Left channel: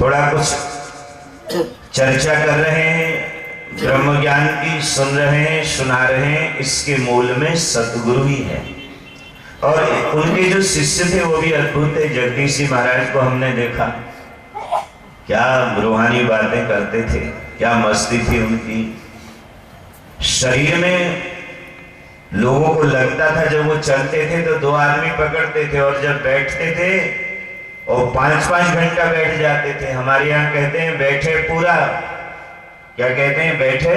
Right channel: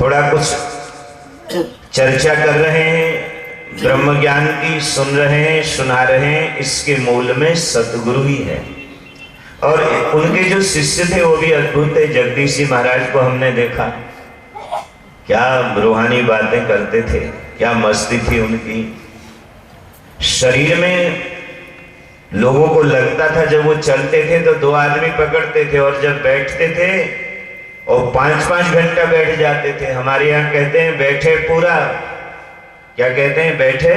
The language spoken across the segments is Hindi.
थोड़ा कुछ चर्चा कर रहे हैं, ब्रह्म ज्ञान की सुन रहे हैं, सुना रहे हैं। इसके मूल में सतगुरु ही है। और उनके जो शिष्य थे वो भी अद्भुत थे। जगदीश जी महाराज को हमने देखा, क्या रूहानी बातें करते थे, क्या मस्ती थी उनकी। शरीर में लोगों को लगता था जब वो चलते थे तो 2 आदमी पकड़ते थे, और जब बैठते थे और 5-5 घंटा बैठ जाते थे। हमारे यहाँ कहते हैं बैठे पूरा, क्या कहते हैं, बैठे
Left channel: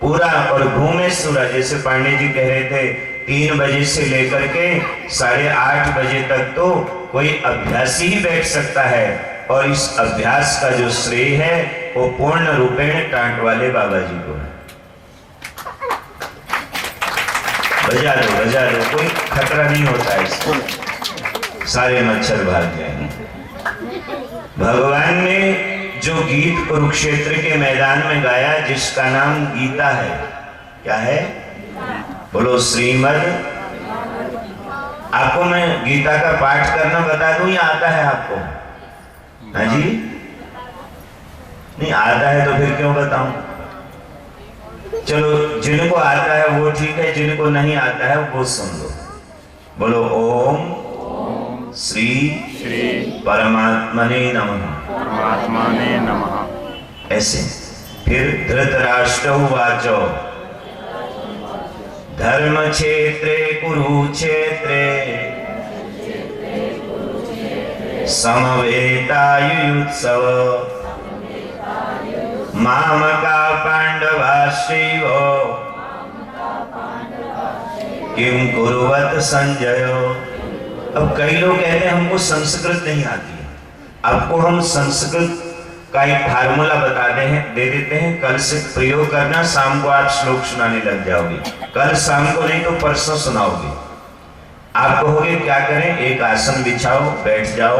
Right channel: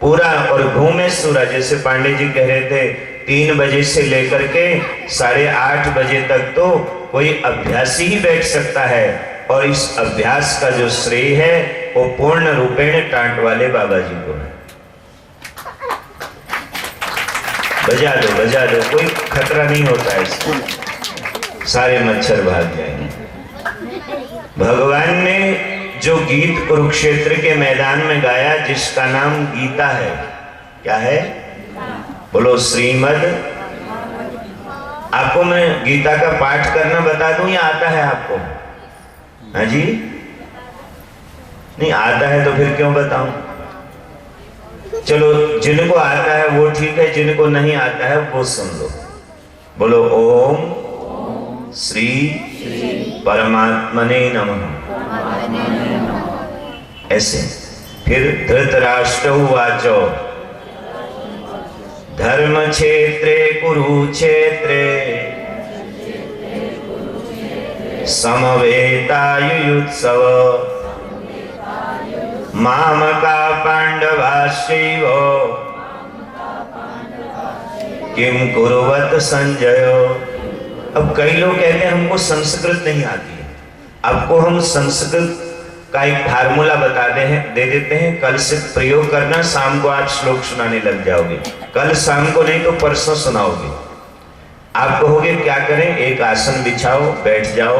पूरा और घूमे सूरा। जैसे पांडे जी कह रहे थे 3 बजे से लेकर के 8:30 बजे तक तो कोई अभ्यासी ही बैठ सकता है, और इस अभ्यास का जो श्रेय है वो पूर्ण रूपेण टांट वाले बाबा जी को है। बजा दो, कोई खतरा नहीं होता है इसको, सारे मच्छर भाग जाएंगे। भगवान ने जो गीत कुरुक्षेत्र के मैदान में गाया, जिसका नाम गीता है, क्या है, बोलो श्रीमद्। आपको मैं गीता का पाठ करना बता दूं या आता है आपको? हाँ जी, नहीं आता है तो फिर क्यों बताऊं? चलो जिनको आता है वो ठीक है, जिनको नहीं आता है वो सुन लो। बोलो ओम श्री परमात्मने नमः। ऐसे फिर धृतराष्ट्र उवाचो धर्म क्षेत्रे कुरुक्षेत्रे समवेतायुयुत्सव मामका पांडवाश्चैव किम कुर्वत संजय। अब कई लोग कहते हैं हमको संस्कृत नहीं आती है। आपको हम संस्कृत का एक फार्मूला बता दे देते हैं, कल से प्रयोग करना। शाम को आज श्लोक सुनाने लग जाओगे, कल शाम को नहीं तो परसों सुनाओगे। आप कहोगे क्या करें? एक आसन बिछाओ, बैठ जाओ,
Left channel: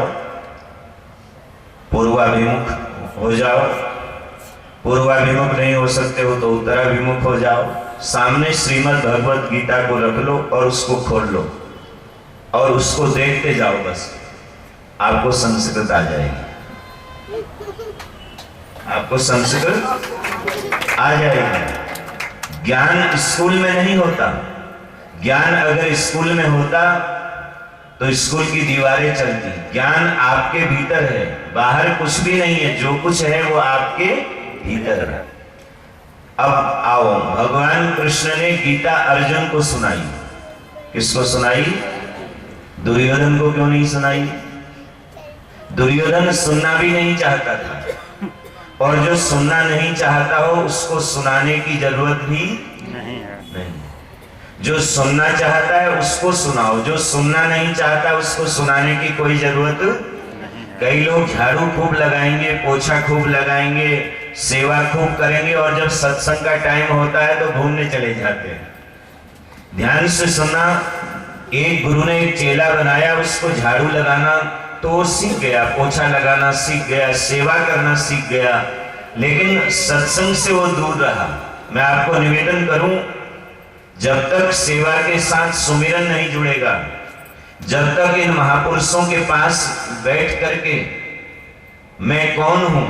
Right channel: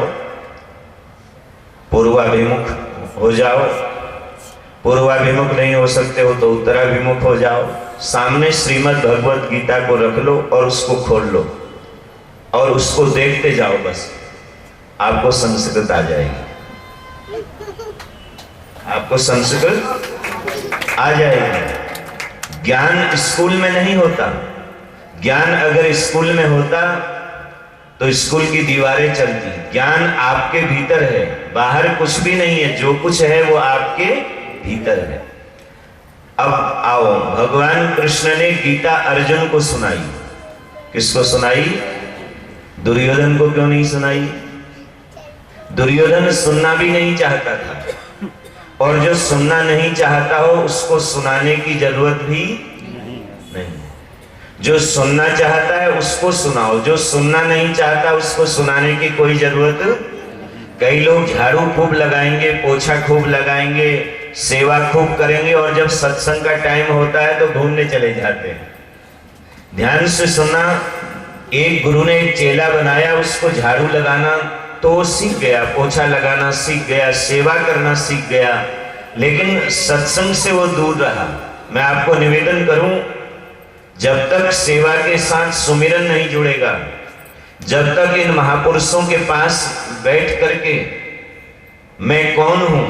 पूर्वाभिमुख हो जाओ। पूर्वाभिमुख नहीं हो सकते हो तो उत्तराभिमुख हो जाओ। सामने श्रीमद् भगवत गीता को रख लो और उसको खोल लो और उसको देखते जाओ, बस आपको संस्कृत आ जाएगी। आपको संस्कृत आ जाएगी। ज्ञान स्कूल में नहीं होता। ज्ञान अगर स्कूल में होता तो स्कूल की दीवारें चलती। ज्ञान आपके भीतर है, बाहर कुछ भी नहीं है। जो कुछ है वो आपके भीतर है। अब आओ, भगवान कृष्ण ने गीता अर्जुन को सुनाई। किसको सुनाई? दुर्योधन को क्यों नहीं सुनाई? दुर्योधन सुनना भी नहीं चाहता था, और जो सुनना नहीं चाहता हो उसको सुनाने की जरूरत भी नहीं। जो सुनना चाहता है उसको सुनाओ, जो सुनना नहीं चाहता उसको सुनाने की कोई जरूरत। कई लोग झाड़ू खूब लगाएंगे, पोछा खूब लगाएंगे, सेवा खूब करेंगे, और जब सत्संग का टाइम होता है तो घूमने चले जाते हैं। ध्यान से सुनना, एक गुरु ने एक चेला बनाया, उसको झाड़ू लगाना तो सीख गया, पोछा लगाना सीख गया, सेवा करना सीख गया, लेकिन सत्संग से वो दूर रहा। मैं आपको निवेदन करूं, जब तक सेवा के साथ सुमिरन नहीं जुड़ेगा, जब तक इन महापुरुषों के पास बैठ करके मैं कौन हूं,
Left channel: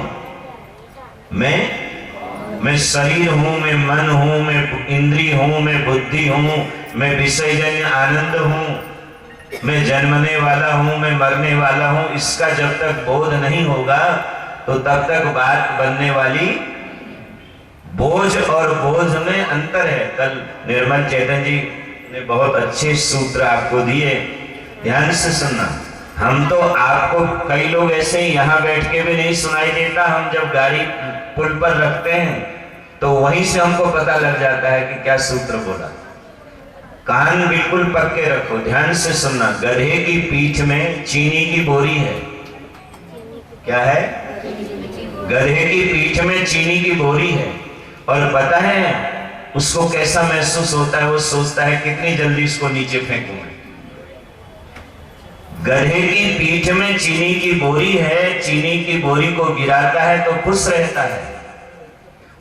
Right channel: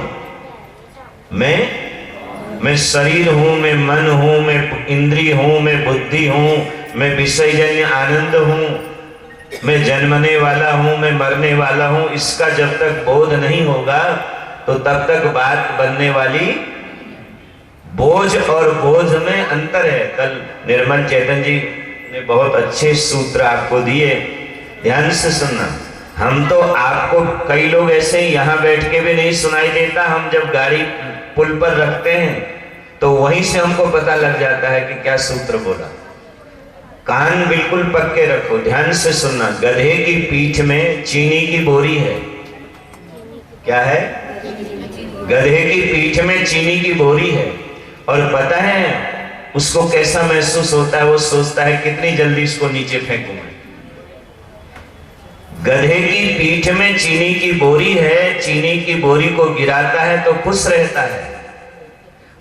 मैं शरीर हूं, मैं मन हूं, मैं इंद्रिय हूं, मैं बुद्धि हूं, मैं विषयजन्य आनंद हूं, मैं जन्मने वाला हूं, मैं मरने वाला हूं, इसका जब तक बोध नहीं होगा तो तब तक बात बनने वाली। बोझ और बोझ में अंतर है। कल निर्मल चैतन जी ने बहुत अच्छे सूत्र आपको दिए, ध्यान से सुनना। हम तो आपको, कई लोग ऐसे ही यहाँ बैठ के भी नहीं सुनाई देता, हम जब गाड़ी पुल पर रखते हैं तो वहीं से हमको पता लग जाता है कि क्या सूत्र बोला। कान बिल्कुल पक्के रखो, ध्यान से सुनना। गधे की पीठ में चीनी की बोरी है। क्या है? गधे की पीठ में चीनी की बोरी है, और पता है उसको कैसा महसूस होता है? वो सोचता है कितनी जल्दी इसको नीचे फेंकूं मैं। गधे की पीठ में चीनी की बोरी है, चीनी की बोरी को गिराता है तो खुश रहता है।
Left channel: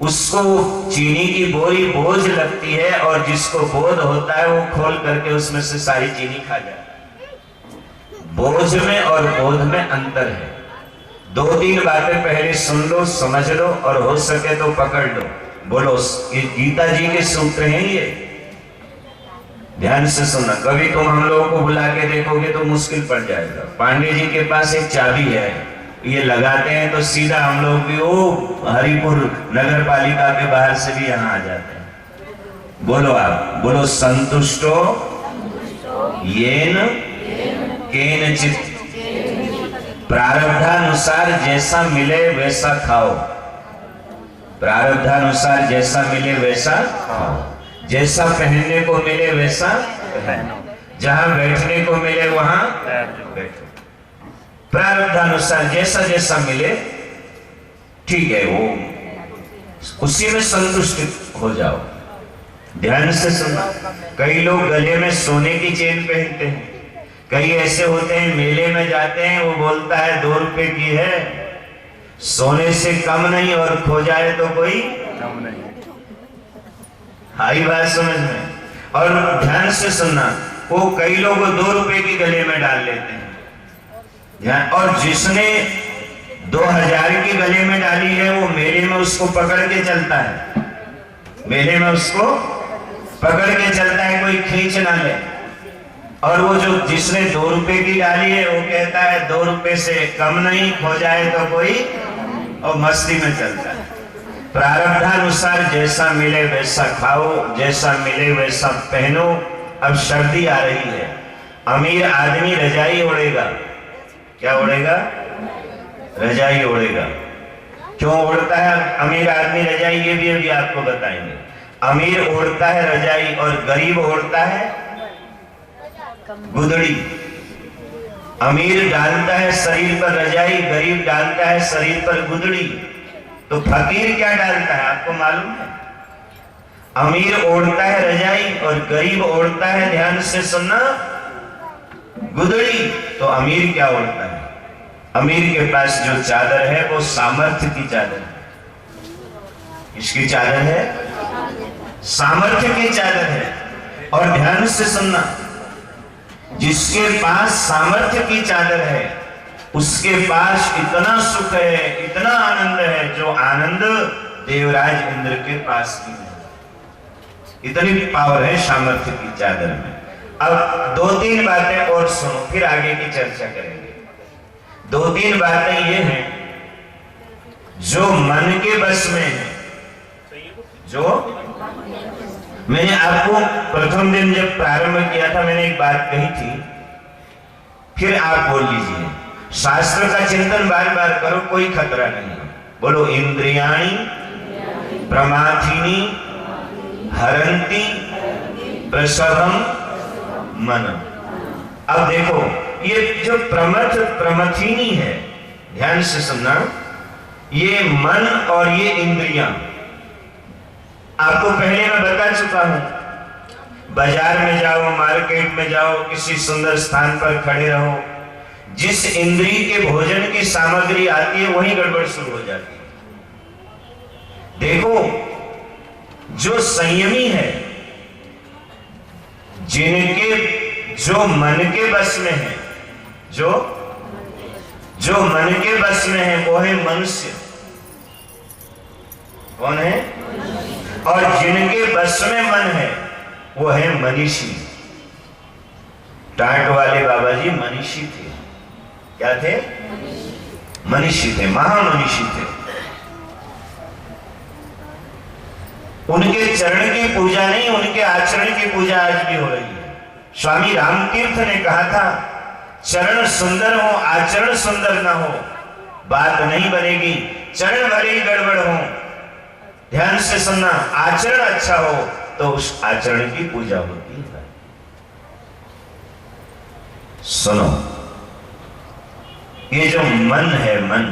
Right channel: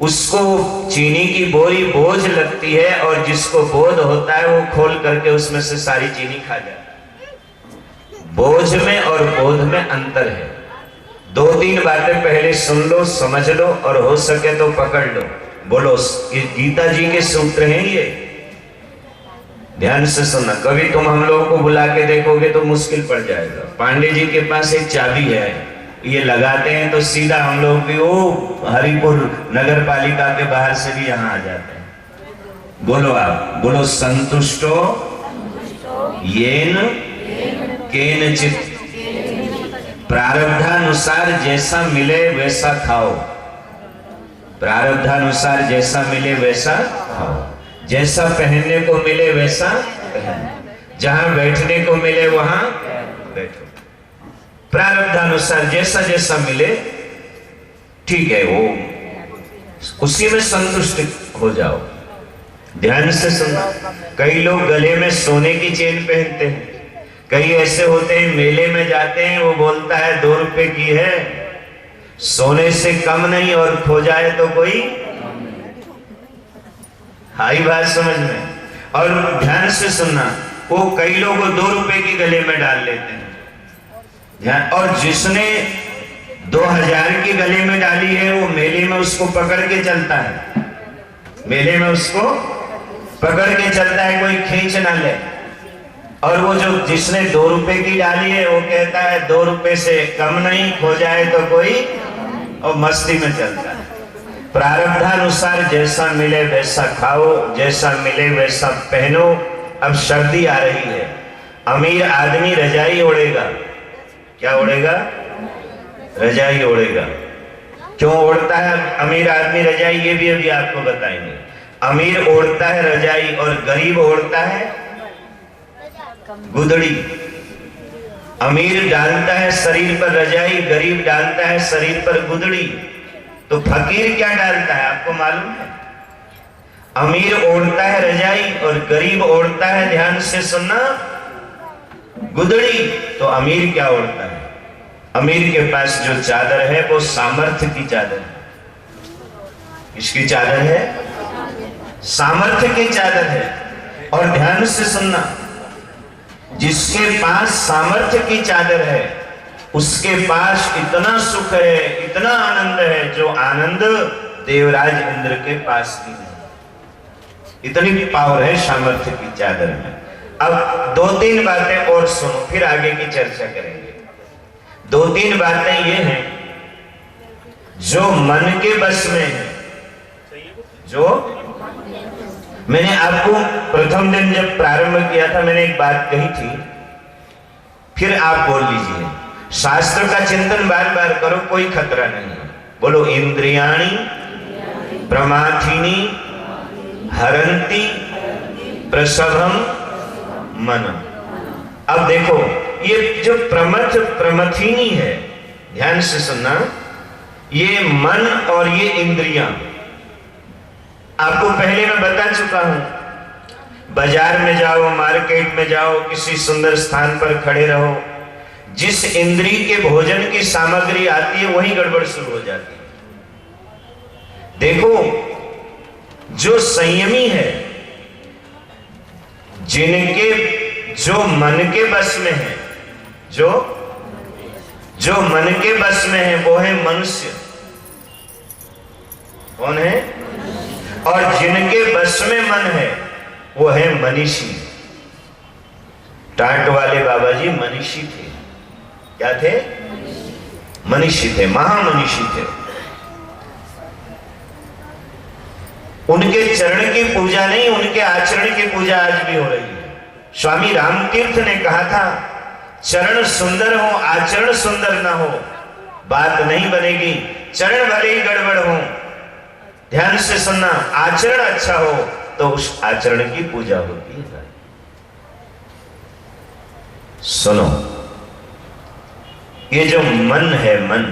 उसको चीनी की बोरी बोझ लगती है, और जिसको बोध होता है वो खोल करके उसमें से सारी चीनी खा जाता है। बोझ में और बोध में अंतर है। 2-3 बातें पहले सुन लो, समझ लो और हो सके तो पकड़ लो। बोलो, ये गीता जी के सूत्र हैं, ये ध्यान से सुनना। कभी तुम हम लोगों को बुला के देखोगे तो मुश्किल पड़ जाएगा। पांडे जी के पास एक चाबी है, ये लगाते हैं तो सीधा हम लोग भी वो हरिपुर नगर पालिका के बाहर से भी यहाँ आ जाते हैं। बोलो आप, बोलो संतुष्टो येन केनचित, प्रारब्धानुसार जैसा मिले वैसा खाओ, प्रारब्धानुसार जैसा मिले वैसा खाओ, जैसा पहनने को मिले वैसा पहनो, जहां बैठने को मिले वहां बैठो, प्रारब्धानुसार जैसा जैसा मिले ठीक है, वो उसी में संतुष्ट हो जाओ। ध्यान से सुनना। कई लोग गले में सोने की चेन पहनते हैं, कई ऐसे होते हैं मेले में जाते हैं, वो बोलता है 2 रुपए की है, सोने से कम नहीं, और खो जाए तो कोई आई बात समझ में। और ध्यान से सुनना, वो कई लोग 2 रुपए की गले में डाल लेते हैं ध्यान, और जिसने 2000 की गले में डाली है वो मेले में उसको पकड़ के चलता है, मेले में उसको पकड़ के चलता है, कोई खींच ना ले। और वो जो जिसने 2 रुपए की डाली है वो कहता है 2 रुपए से कम नहीं, खो जाए तो कोई, और मस्ती में चलता है। प्रारब्धानुसार जैसा मिले वैसा खाओ, जैसा मिले वैसा पहनो। अब सर्दी आ रही है, अमीर आदमी रजाई ओढ़ेगा, क्या ओढ़ेगा? रजाई ओढ़ेगा। क्यों ओढ़ता है अमीर आदमी रजाई, ये भी अभी आपको बताएंगे। अमीर ओढ़ता है रजाई और गरीब ओढ़ता है गुदड़ी। अमीर डालता है शरीर पर रजाई, गरीब डालता है शरीर पर गुदड़ी। तो फकीर क्या डालता है आपको मालूम है? अमीर ओढ़ता है रजाई और गरीब ओढ़ता है, ध्यान से सुनना, गुदड़ी। तो अमीर क्या ओढ़ता है? अमीर के पास जो चादर है वो सामर्थ्य की चादर है। किसकी चादर है? सामर्थ्य की चादर है। और ध्यान से सुनना, जिसके पास सामर्थ्य की चादर है उसके पास इतना सुख है, इतना आनंद है, जो आनंद देवराज इंद्र के पास भी नहीं। इतनी पावर है सामर्थ्य की चादर में। अब 2-3 बातें और सुनो, फिर आगे की चर्चा करेंगे। 2-3 बातें ये हैं जो मन के बस में है। जो मैंने आपको प्रथम दिन जब प्रारंभ किया था मैंने एक बात कही थी, फिर आप बोल लीजिए। शास्त्र का चिंतन बार बार करो, कोई खतरा नहीं। बोलो, इंद्रियाणि प्रमाथिनी हरंती प्रसभम मन। अब देखो, ये जो प्रमथिनी है, ध्यान से सुनना, ये मन और ये इंद्रियां आपको पहले मैं बता चुका हूं। बाजार में जाओ, मार्केट में जाओ, किसी सुंदर स्थान पर खड़े रहो, जिस इंद्री के भोजन की सामग्री आती है वही गड़बड़ शुरू हो जाती है। देखो, जो संयमी है, जिनके जो मन के बस में है, जो मन के बस में है वो है मनुष्य। कौन है? और जिनके बस में मन है वो है मनीषी। टाट वाले बाबा जी मनीषी थे। क्या थे? मनीषी थे, महामनीषी थे। उनके चरण की पूजा नहीं, उनके आचरण की पूजा आज भी हो रही है। स्वामी रामतीर्थ ने कहा था, चरण सुंदर हो, आचरण सुंदर ना हो, बात नहीं बनेगी। चरण भले ही गड़बड़ हो, ध्यान से सुनना, आचरण अच्छा हो तो उस आचरण की पूजा होती है। सुनो, ये जो मन है, मन,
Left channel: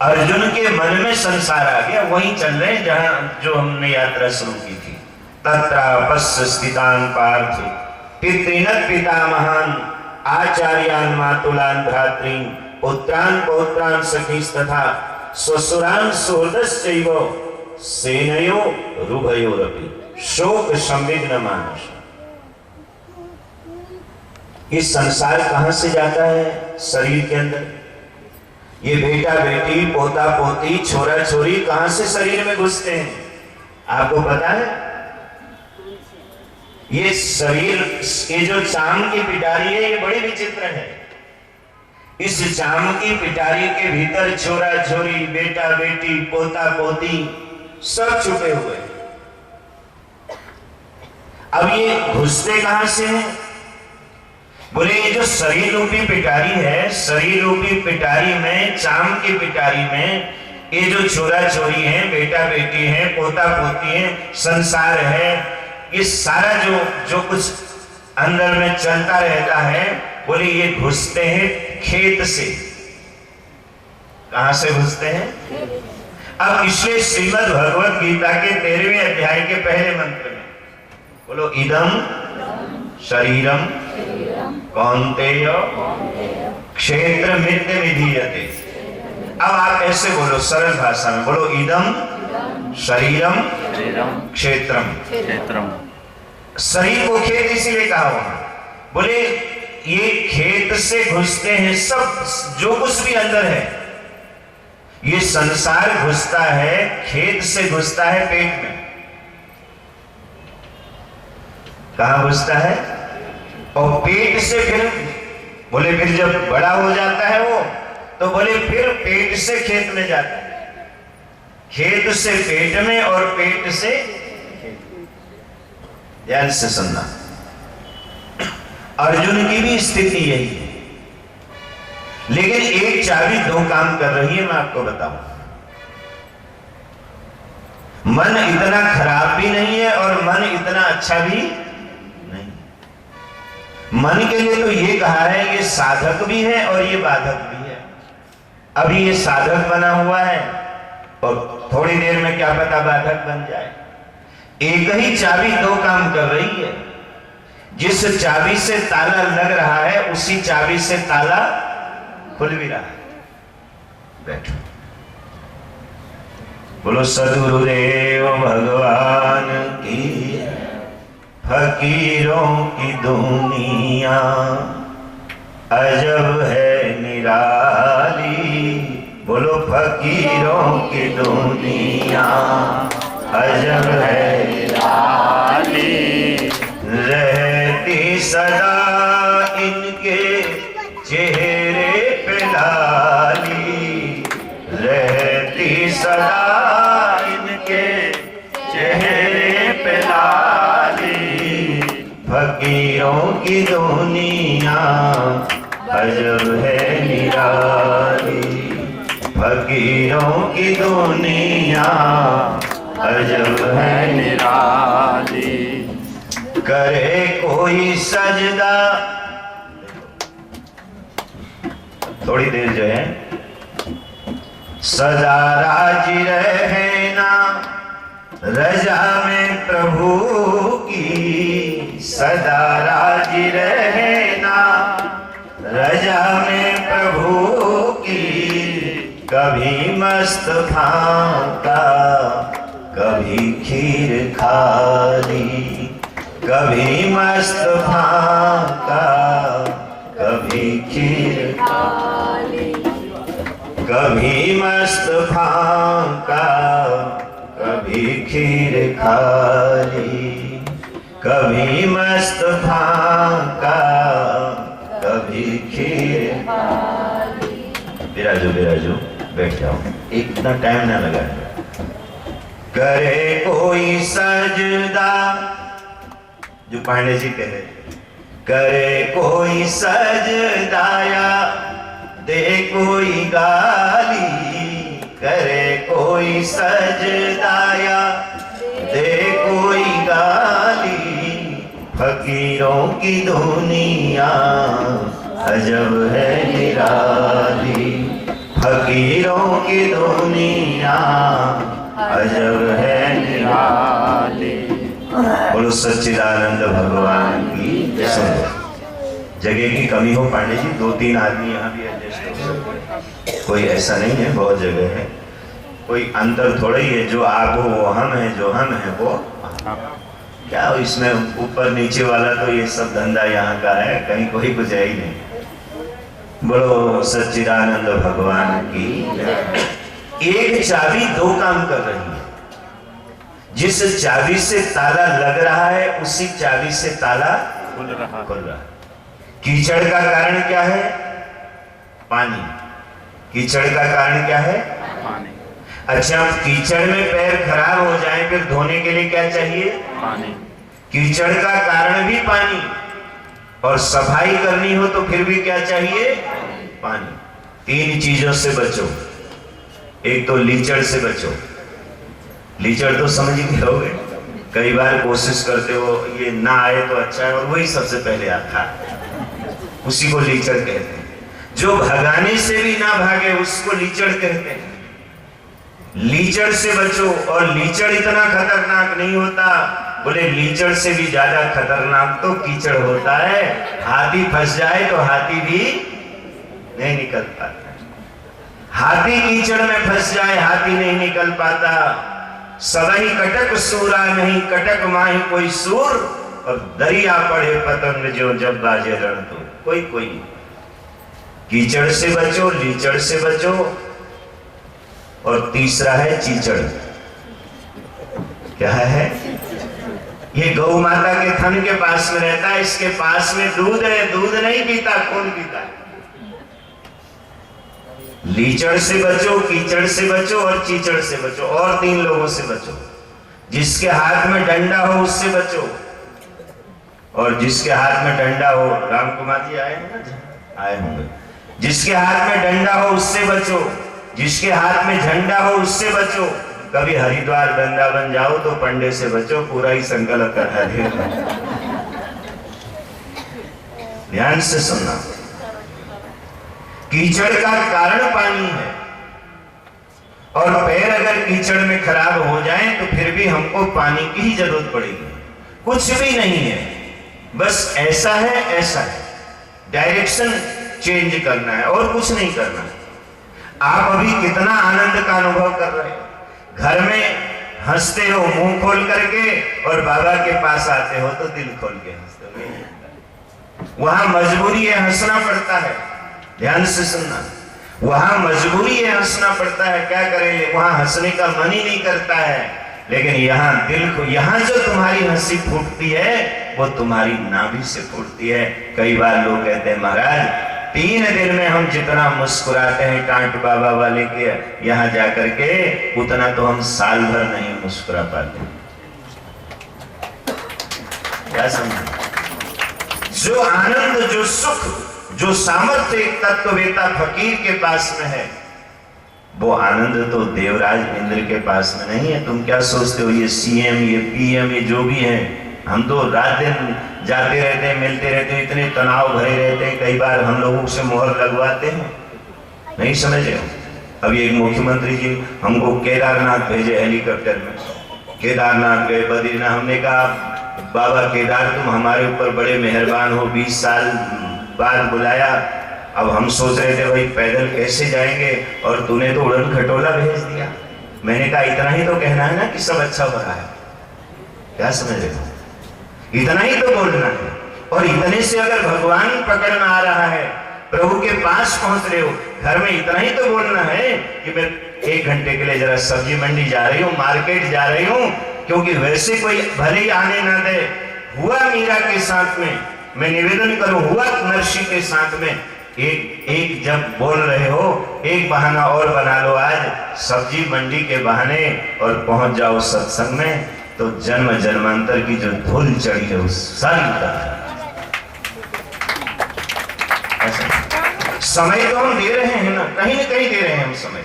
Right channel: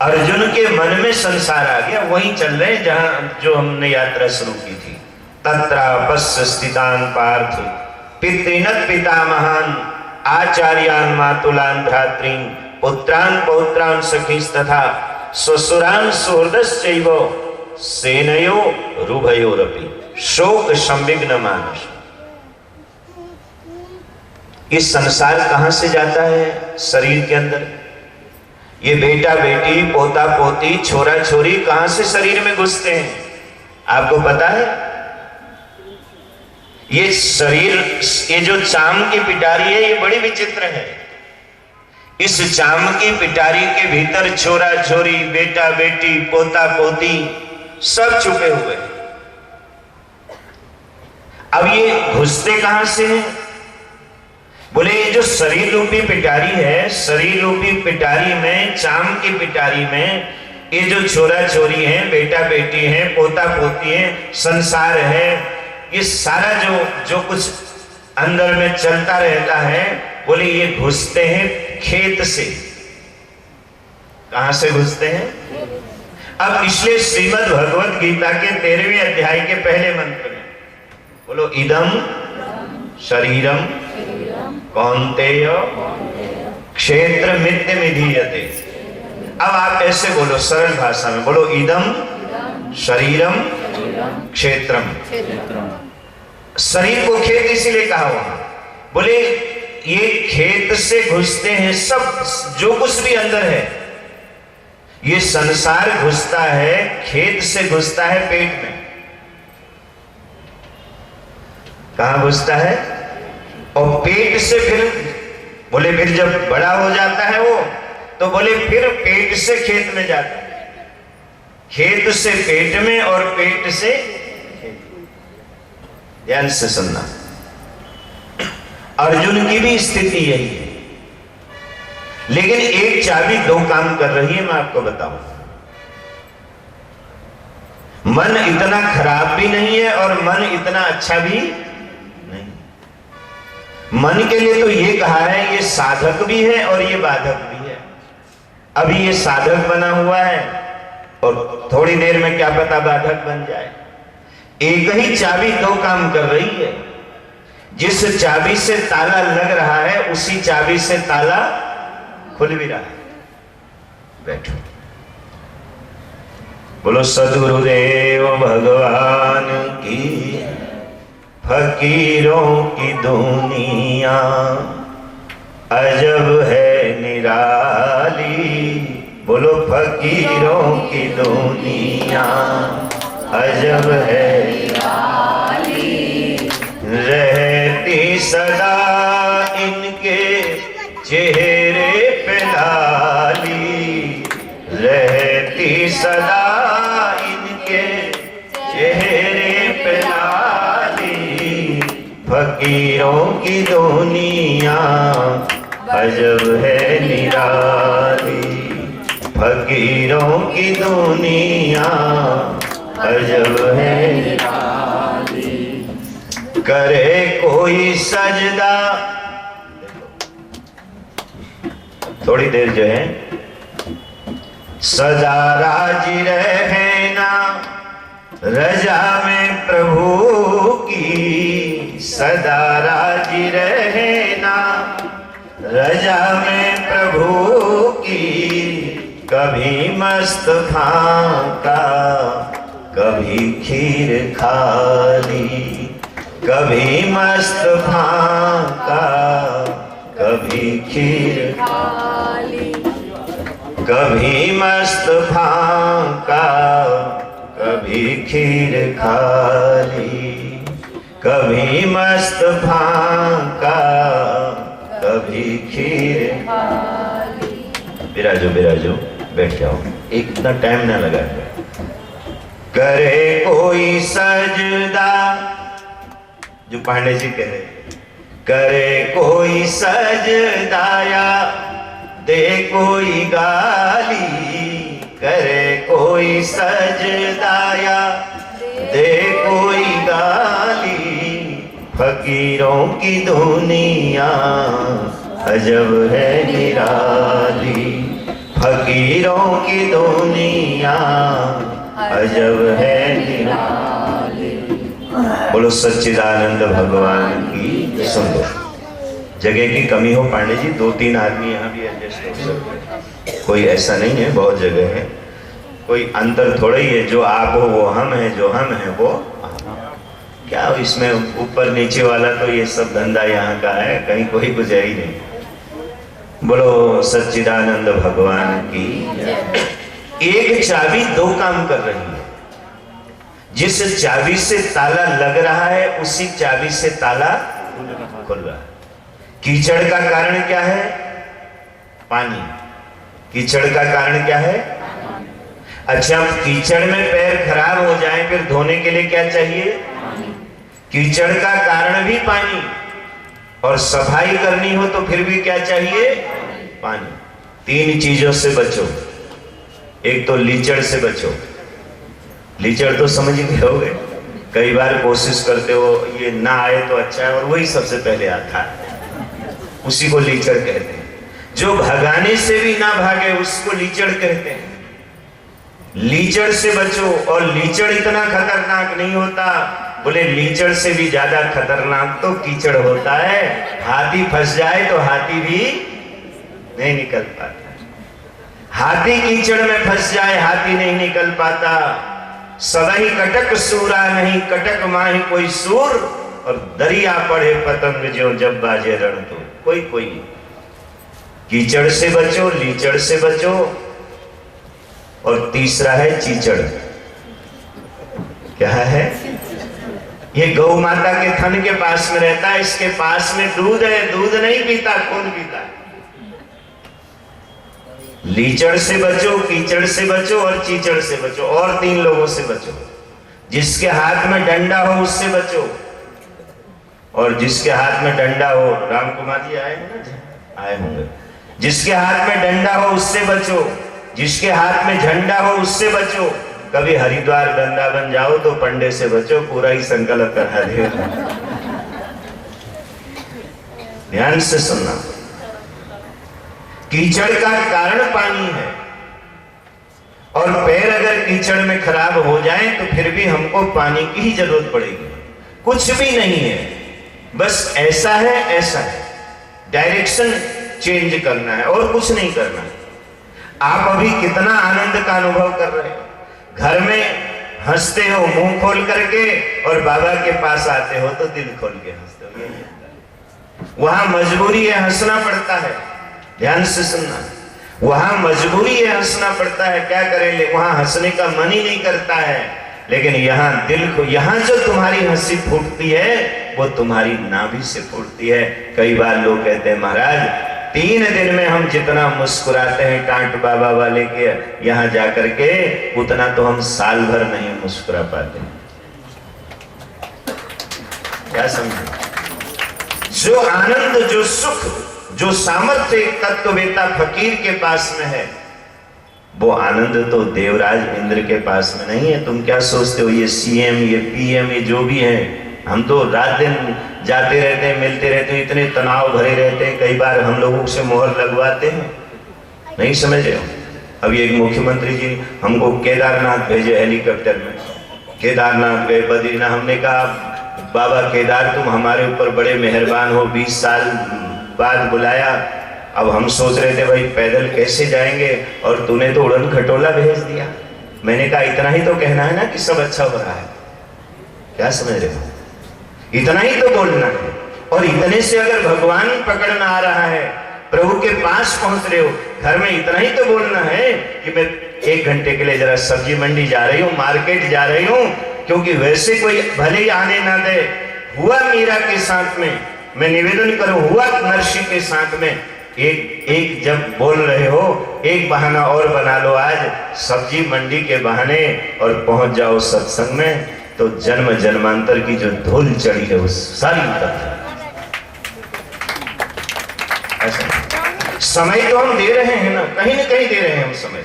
अर्जुन के मन में संसार आ गया, वहीं चल रहे हैं जहां जो हमने यात्रा शुरू की थी। तत्रापस्य स्थितान पार्थ पितृनत पितामहान आचार्यान मातुलान भ्रातृन पुत्रान पौत्रान सखीस्तथा स्वसुरान सुहृदश्चैव सेनयो रुभयोरपि शोक संविघ्न मानस। ये संसार कहां से जाता है? शरीर के अंदर। ये बेटा बेटी, पोता पोती, छोरा छोरी कहां से शरीर में घुसते हैं आपको पता है? ये शरीर, ये जो चाम की पिटारी है, ये बड़ी विचित्र है। इस चाम की पिटारी के भीतर छोरा छोरी, बेटा बेटी, पोता पोती सब छुपे हुए हैं। अब ये घुसते कहां से हैं? बोले ये जो शरीर रूपी पिटारी है, शरीर रूपी पिटारी में, चाम की पिटारी में ये जो छोरा छोरी है, बेटा बेटी है, पोता पोती है, संसार है, ये सारा जो कुछ अंदर में चलता रहता है, बोले ये घुसते हैं खेत से। कहां से घुसते हैं? अब इसलिए श्रीमद् भगवत गीता के 13वें अध्याय के पहले मंत्र में बोलो इदम शरीरम कौन्तेय क्षेत्र मित्य विधीयते। अब आप ऐसे बोलो, सरल भाषा में बोलो, इदम शरीरम क्षेत्रम। शरीर को खेत इसीलिए कहा हुआ, बोले ये खेत से घुसते हैं सब, जो कुछ भी अंदर है। ये संसार घुसता है, खेत से घुसता है पेट में। कहां घुसता है? और पेट से फिर बोले, फिर जब बड़ा हो जाता है वो, तो बोले फिर पेट से खेत में जाता है, खेत से पेट में और पेट से। ध्यान से सुनना, अर्जुन की भी स्थिति यही है, लेकिन एक चाबी दो काम कर रही है, मैं आपको बताऊं। मन इतना खराब भी नहीं है और मन इतना अच्छा भी नहीं। मन के लिए तो ये कहा है, ये साधक भी है और ये बाधक भी है। अभी ये साधक बना हुआ है और थोड़ी देर में क्या पता बाधक बन जाए। एक ही चाबी दो काम कर रही है। जिस चाबी से ताला लग रहा है, उसी चाबी से ताला खुल भी रहा है। बैठो, बोलो सद्गुरुदेव भगवान की। फकीरों की दुनिया अजब है निराली। बोलो फकीरों की दुनिया अजब है निराली। रहती सदा इनके चेहरे पे लाली। रहती सदा इनके चेहरे पे लाली। फकीरों की दुनिया अजब है निराली। फकीरों की दुनिया अजब है निराली। करे कोई सजदा, थोड़ी देर जो है, सदा राजी रहना रजा में प्रभु की। सदा राजी रहना रजा में प्रभु की। कभी मस्त फांका कभी खीर खाली। कभी मस्त फांका कभी खीर खाली। कभी मस्त फांका कभी खीर खाली। कभी मस्त फांका कभी खीर खाली। बिराजो बिराजो, बैठ जाओ, एक इतना टाइम ना लगा। करे कोई सजदा, जो पांडे जी कह रहे, करे कोई सजदाया दे कोई गाली। करे कोई सजदाया दे कोई गाली। फकीरों की दुनिया अजब है निराली। फकीरों की दुनिया अजब है निराली। बोलो सच्चिदानंद भगवान की। सुनो, जगह की कमी हो पांडे जी, 2-3 आदमी यहाँ भी एडजस्ट हो सकते हैं, कोई ऐसा नहीं है, बहुत जगह है। कोई अंतर थोड़ा ही है, जो आप हो वो हम है, जो हम है वो क्या हो। इसमें ऊपर नीचे वाला तो ये सब धंधा यहाँ का है, कहीं कोई कुछ है ही नहीं। बोलो सच्चिदानंद भगवान की। एक चाबी दो काम कर रही है। जिस चाबी से ताला लग रहा है उसी चाबी से ताला खुल रहा है। कीचड़ का कारण क्या है? पानी। कीचड़ का कारण क्या है? अच्छा, कीचड़ में पैर खराब हो जाए फिर धोने के लिए क्या चाहिए? पानी। कीचड़ का कारण भी पानी, और सफाई करनी हो तो फिर भी क्या चाहिए? पानी। तीन चीजों से बचो। एक तो लीचड़ से बचो। लीचड़ तो समझ गए होगे, कई बार कोशिश करते हो ये ना आए तो अच्छा है, और वही सबसे पहले आता है, उसी को लीचड़ कहते हैं। जो भगाने से भी ना भागे उसको लीचड़ कहते हैं। लीचड़ से बचो। और लीचड़ इतना खतरनाक नहीं होता, बोले लीचड़ से भी ज्यादा खतरनाक तो कीचड़ होता है। हाथी फंस जाए तो हाथी भी नहीं निकल पाता। हाथी कीचड़ में फंस जाए हाथी नहीं निकल पाता। सदही कटक सूरा नहीं, कटक माही कोई सूर, और दरिया पड़े पतंग जो जब बाजे रण तो कोई कोई। कीचड़ से बचो, लीचड़ से बचो, और तीसरा है चीचड़। क्या है? ये गौ माता के थन के पास में रहता है, इसके पास में दूध है, दूध नहीं पीता, खून पीता है। लीचड़ से बचो, कीचड़ से बचो, और चीचड़ से बचो, और तीन लोगों से बचो। जिसके हाथ में डंडा हो उससे बचो, और जिसके हाथ में डंडा हो, राम कुमार जी आए हैं ना? आए होंगे। जिसके हाथ में डंडा हो उससे बचो, जिसके हाथ में झंडा हो उससे बचो। कभी हरिद्वार वृंदावन जाओ तो पंडे से बचो, पूरा ही संकल्प करा दे। ध्यान से सुनना। कीचड़ का कारण पानी है, और पैर अगर कीचड़ में खराब हो जाए तो फिर भी हमको पानी की ही जरूरत पड़ेगी। कुछ भी नहीं है, बस ऐसा है ऐसा है, डायरेक्शन चेंज करना है और कुछ नहीं करना है। आप अभी कितना आनंद का अनुभव कर रहे हो, घर में हंसते हो मुंह खोल करके, और बाबा के पास आते हो तो दिल खोल के हंसते हो। वहां मजबूरी है, हंसना पड़ता है। ध्यान से सुनना, वहां मजबूरी है, हंसना पड़ता है। क्या करेंगे, वहां हंसने का मन ही नहीं करता है। लेकिन यहाँ दिल को, यहाँ जो तुम्हारी हंसी फूटती है वो तुम्हारी नाभि से फूटती है। कई बार लोग कहते हैं महाराज 3 दिन में हम जितना मुस्कुराते हैं टांट बाबा वाले के यहाँ जाकर के, उतना तो हम साल भर नहीं मुस्कुरा पाते। क्या समझे? जो आनंद, जो सुख, जो सामर्थ्य एक तत्ववेता फकीर के पास में है, वो आनंद तो देवराज इंद्र के पास में नहीं है। तुम क्या सोचते हो ये सीएम, ये पीएम, ये जो भी है, हम तो रात दिन जाते रहते हैं, मिलते रहते हैं, इतने तनाव भरे रहते हैं, कई बार हम लोगों से मोहर लगवाते हैं। नहीं समझ रहे हो? अभी एक मुख्यमंत्री जी हमको केदारनाथ भेजे हेलीकॉप्टर में। केदारनाथ गए, बद्रीनाथ। हमने कहा बाबा केदार तुम हमारे ऊपर बड़े मेहरबान हो, 20 साल बाद बुलाया। अब हम सोच रहे थे भाई पैदल कैसे जाएंगे, और तूने तो उड़न खटोला भेज दिया। मैंने कहा इतना ही तो कहना है ना कि सब अच्छा हो रहा है। क्या समझ रहे हो? इतना ही तो बोलना है। और इतने से अगर भगवान पकड़ना आ रहा है, प्रभु के पास पहुंच रहे हो, घर में इतना ही तो बोलना है कि मैं 1 घंटे के लिए जरा सब्जी मंडी जा रही हूँ, मार्केट जा रही हूँ, क्योंकि वैसे कोई भले ही आने ना दे। हुआ मीरा के साथ में, मैं निवेदन करूं, हुआ नरसी के साथ में, एक जब बोल रहे हो, एक बहाना और बना लो आज सब्जी मंडी के बहाने, और पहुंच जाओ सत्संग में, तो जन्म जन्मांतर की जो धूल चढ़ी है वो सारी उतर। समय तो हम दे रहे हैं ना कहीं दे रहे हैं हम समय,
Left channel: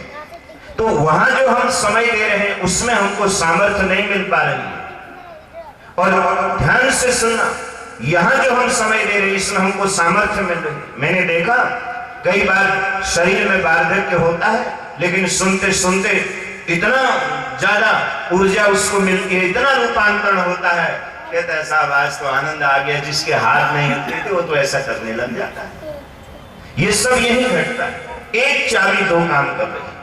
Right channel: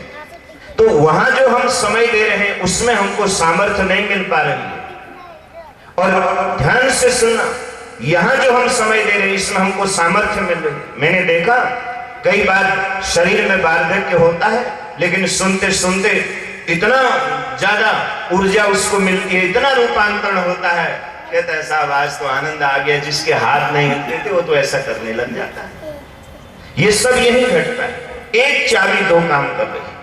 तो वहां जो हम समय दे रहे हैं उसमें हमको सामर्थ्य नहीं मिल पा रही है। और ध्यान से सुनना, यहां जो हम समय दे रहे हैं इसमें हमको सामर्थ्य मिल रही है। मैंने देखा कई बार शरीर में वार्धक्य होता है, लेकिन सुनते सुनते इतना ज्यादा ऊर्जा उसको मिलती है, इतना रूपांतरण होता है, कहता है साहब आज तो आनंद आ गया। जिसके हाथ नहीं हिलते थे वो तो ऐसा करने लग जाता है। ये सब यही घटता है। एक चाबी 2 काम कर रही है,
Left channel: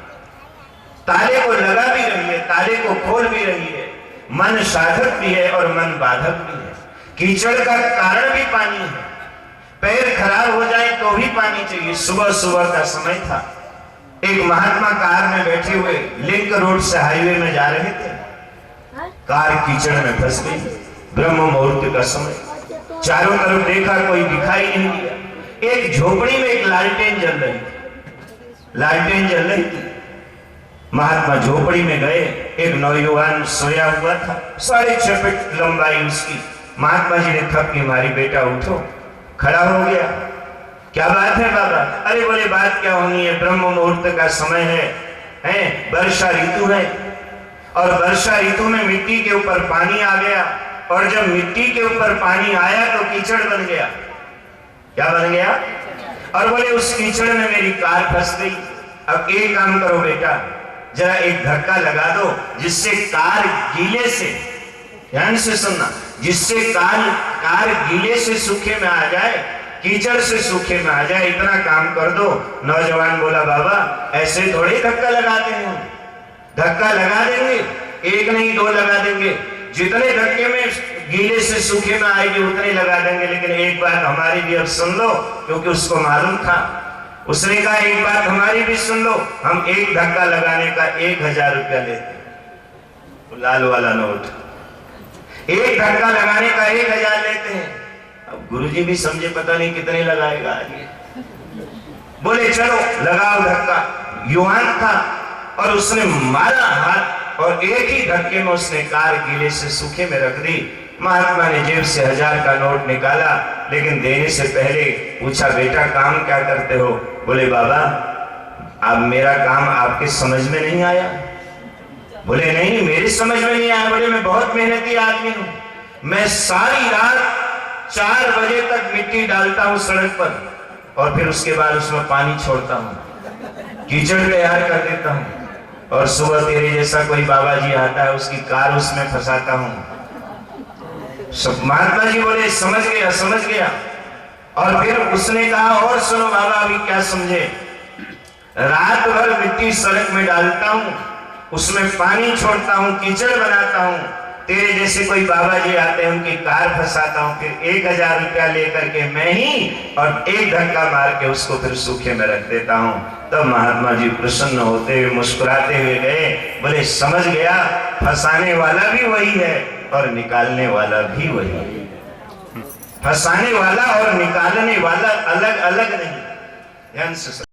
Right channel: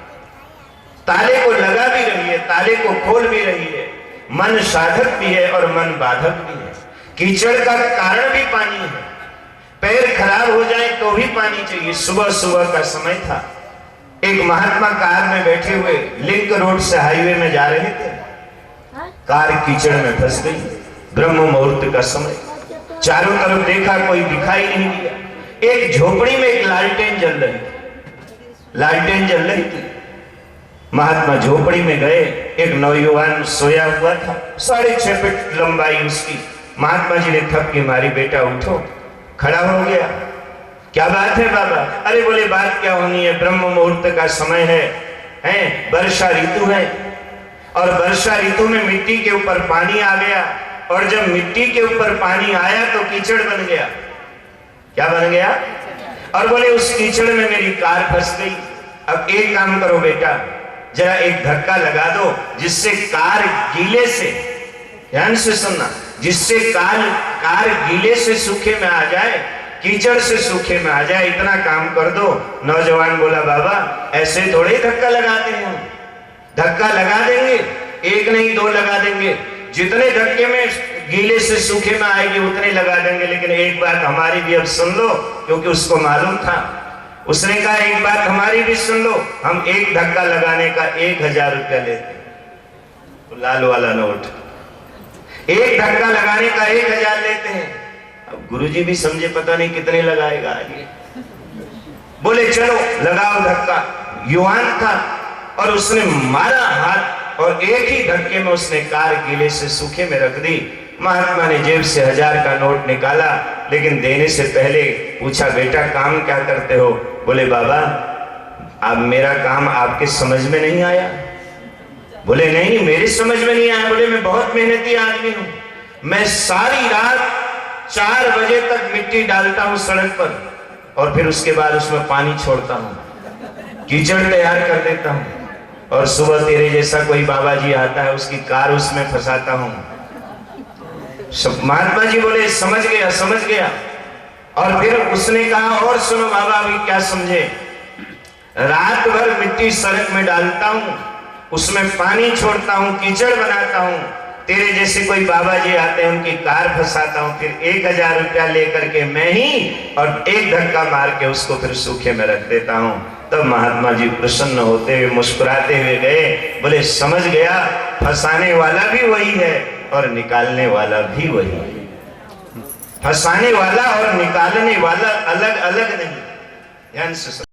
ताले को लगा भी रही है, ताले को खोल भी रही है। मन साधक भी है और मन बाधक भी है। कीचड़ का कारण भी पानी है, पैर खराब हो जाए तो भी पानी चाहिए। सुबह सुबह का समय था, एक महात्मा कार में बैठे हुए लिंक रोड से हाईवे में जा रहे थे। कार कीचड़ में फंस गई। ब्रह्म मुहूर्त का समय, चारों तरफ देखा, कोई दिखाई नहीं दिया। एक झोपड़ी में एक लालटेन जल रही थी, लालटेन जल रही थी। महात्मा झोपड़ी में गए, एक नौजवान सोया हुआ था, 6.5 फीट लंबाई उसकी। महात्मा जी ने थपकी मारी, बेटा उठो। खड़ा हो गया। क्या बात है बाबा? अरे बोले बात क्या होनी है, ब्रह्म मुहूर्त का समय है, वर्षा ऋतु है, और वर्षा ऋतु में मिट्टी के ऊपर पानी आ गया, और जब मिट्टी के ऊपर पानी आया तो कीचड़ बन गया। क्या बन गया? और बोले उस कीचड़ में मेरी कार फंस गई। अब एक काम करो बेटा, जरा एक धक्का लगा दो जिससे कार गीले से, ध्यान से सुनना, जिससे कार गीले से सूखे में आ जाए, कीचड़ से सूखे में आ जाए, इतना काम कर दो। नौजवान बोला बाबा ऐसे थोड़े धक्का लगाते हैं, धक्का लगा देंगे, एक नहीं 2 लगा देंगे, जितने धक्के में गीले से सूखे में आएगी उतने लगा देंगे। लेकिन एक बात हमारी भी अब सुन लो, क्योंकि उसको मालूम था। उसने कहा एक बात हमारी भी सुन लो, हम एक धक्का लगाने का 1000 रुपया लेते, तो लाल वाला नोट, एक धक्का लगाने का 1000 लेते हैं। अब गुरुजी भी समझे पता नहीं कितने लगाएगा आगे। बोले चलो लगाओ धक्का। युवान था और उसने मारा हाथ, और एक ही धक्के में उसने कार गीले से सूखे में रख दी। महात्मा ने जेब से 1000 का नोट निकाला, लेकिन देने से पहले पूछा बेटा काम क्या करते हो? बोले बाबा अब मेरा काम आपके समझ में नहीं आया। बोले नहीं मेरी समझ में नहीं आया। बोले मैं बहुत मेहनती आदमी हूं, मैं सारी रात 4 बजे तक मिट्टी डालता हूं सड़क पर, और फिर उसके बाद उसमें पानी छोड़ता हूं, कीचड़ तैयार कर देता हूं, और सुबह तेरे जैसा कोई बाबा जी आता है उसकी कार उसमें फंसाता हूं। महात्मा जी बोले समझ गया समझ गया। और फिर उसने कहा और सुनो बाबा अभी क्या समझे, रात भर मिट्टी सड़क में डालता हूं, उसमें पानी छोड़ता हूं, कीचड़ बनाता हूं, तेरे जैसे कोई बाबा जी आते हैं उनकी कार फंसाता हूं, फिर 1000 रुपया लेकर के मैं ही और एक धक्का मार के उसको फिर सूखे में रख देता हूं। तब महात्मा जी प्रसन्न होते हुए मुस्कुराते हुए गए। बोले समझ गया, फंसाने वाला भी वही है और निकालने वाला भी वही है। फंसाने वाला और निकालने वाला अलग अलग नहीं। ध्यान से